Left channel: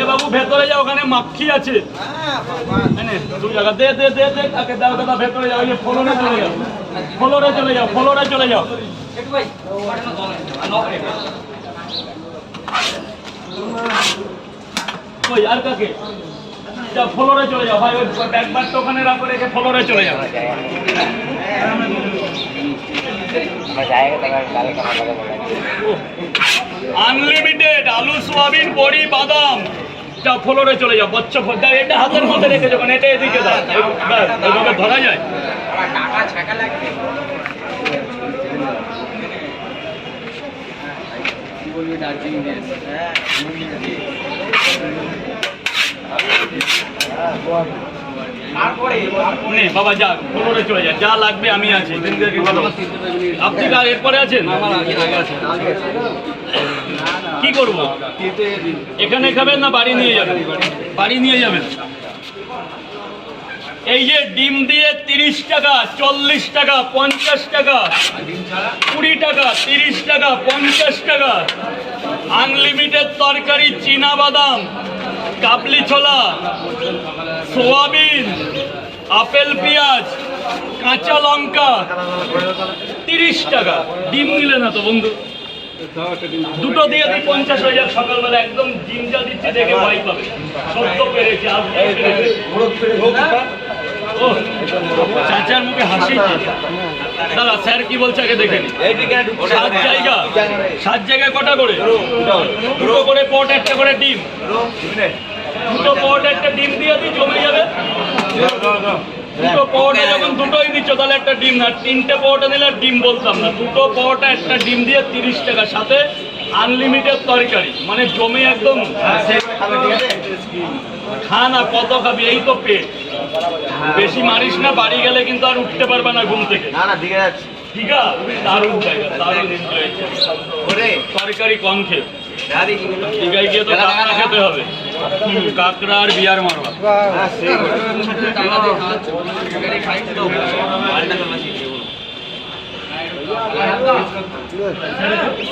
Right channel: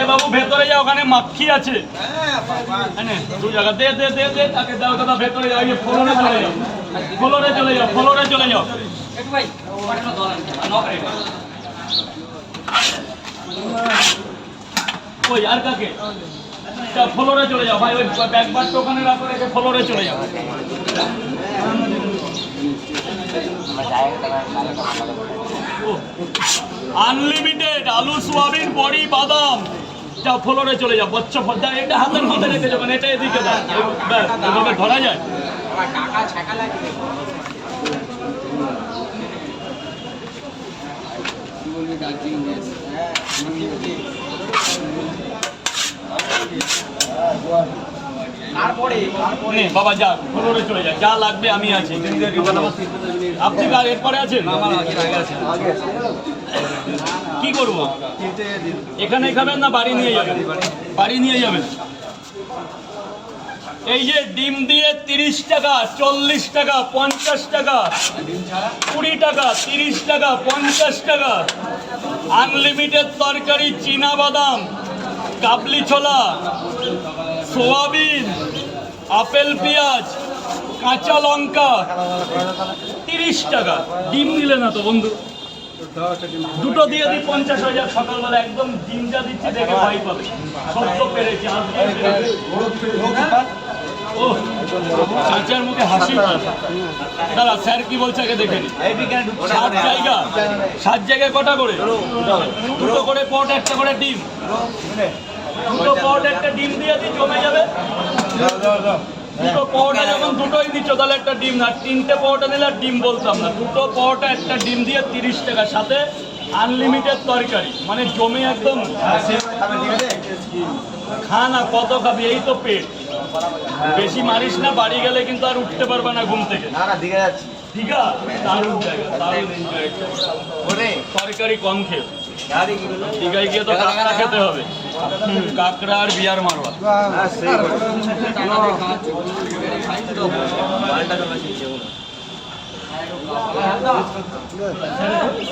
এ বাবু ভেতরে যাও, ওখানে মাখি আছে। তুই জায়গা দে দে দে দে, তাকে দাও দাদা, ভেতরে যাও, এই ফ্লোরে চলে যাও, ফ্লোরে চলে যাও, ফ্লোরে চলে যাও। ওই আর কাকে ফ্লোরে চলে যাও ভাই, ওই ব্যাগবারটা ওখানে রাখো, রেখে ফ্লোরে চলে যাও। আনলিমিটেড আলু, সোয়াবিন, বড়ি, বাদাম, ফ্লোরে চলে যাও। বচ্চা ফদ্দা এটা হাতের মধ্যে রেখে যখন এটা এদিকে দাও, এইভাবে ধরা যায়। বাবা যা, ফ্লোরে চলে যায়, যা লাগবে আমি আছি। আপনি এরপরে আছেন? কি করবো, এখানে খাবেন না বাড়ি নিয়ে যাবেন? বাড়ি নিয়ে যাবেন। এই যে ডিম দিয়ে 30 টাকা, 40 টাকা, 50 টাকা, 20 টাকা, 30 টাকা, 50 টাকা, আনলিমিটেড তরকারি, চীনা বাদাম, কাবলি ছোলা, সোয়াবিন, আপেল, পেঁয়াজ, কাঁচা লঙ্কা, 30 টাকা। ডিম নিলে না তো বন্ধু? দুটো দিয়ে দিই 50 হয়ে যাক সকালবেলা, একদম ডিম যা দিচ্ছে দেখে ভয় পাবে। সব তো পেরেছি, চাচার মুখে হাসি। দাদা স্যার কি বলছে আগে দেখে নি। 7 জায়গায় কটা করে? দুটো করে পট, একটা করে ডিম। দুটো পট একটা ডিম দিয়ে দিই, জমে যাবে। দুটো পটে যখন দুটোই দিচ্ছ তাহলে একটা ডিম না, 3টে পটে নিলে আর ডিম বলতাম না। দুটো পটে একটা ডিম দিয়ে 30 টাকা, সাথে আনলিমিটেড তরকারি, মানে জমে একদম। খা না, কত খাবি, এই তো পেট। বেশি মারিস না, বাড়ি গেলে কিন্তু আর উঠতে পারবে না ঘুম থেকে। ঠিক আছে, দারুণ জায়গা, দারুণ এনজয়। তরকারি কম খেয়ে দীঘায় গিয়ে তো কাঁকড়া খেতে হবে। কাঁকড়া আর বিয়ার মারবা।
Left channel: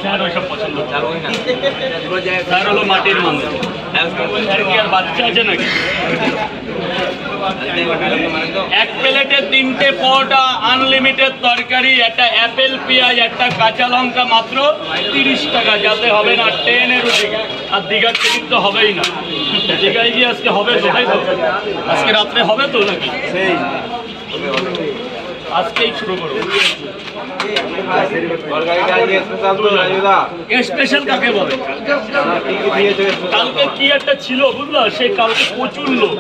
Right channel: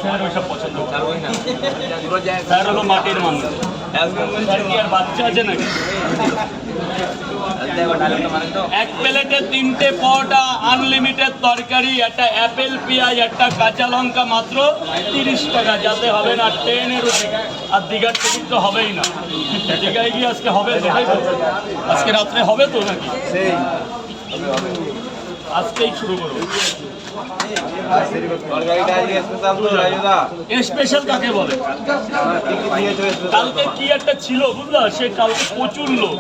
স্যার ওইসব পছন্দ, স্যার হলো মাটির মানুষ। স্যার কি আর বাচ্চা আছে নাকি? এক প্লেটে 3টে পরোটা, আনলিমিটেড তরকারি, একটা অ্যাপেল, পেঁয়াজ, একটা কাঁচা লঙ্কা, মাত্র 30 টাকা। যাতে হবে না ট্রেনের রুটি। আর দীঘার টিকিট তো হবেই না। দীঘায় গিয়ে আজকে হবে তো, তাই তো? আজকে রাত্রে হবে তো নাকি? আজকেই শুরু করবো। স্পেশাল কাকে বলে? কালকে কি একটা ছিল বুঝলা, সে কালকে প্রচুর লোক।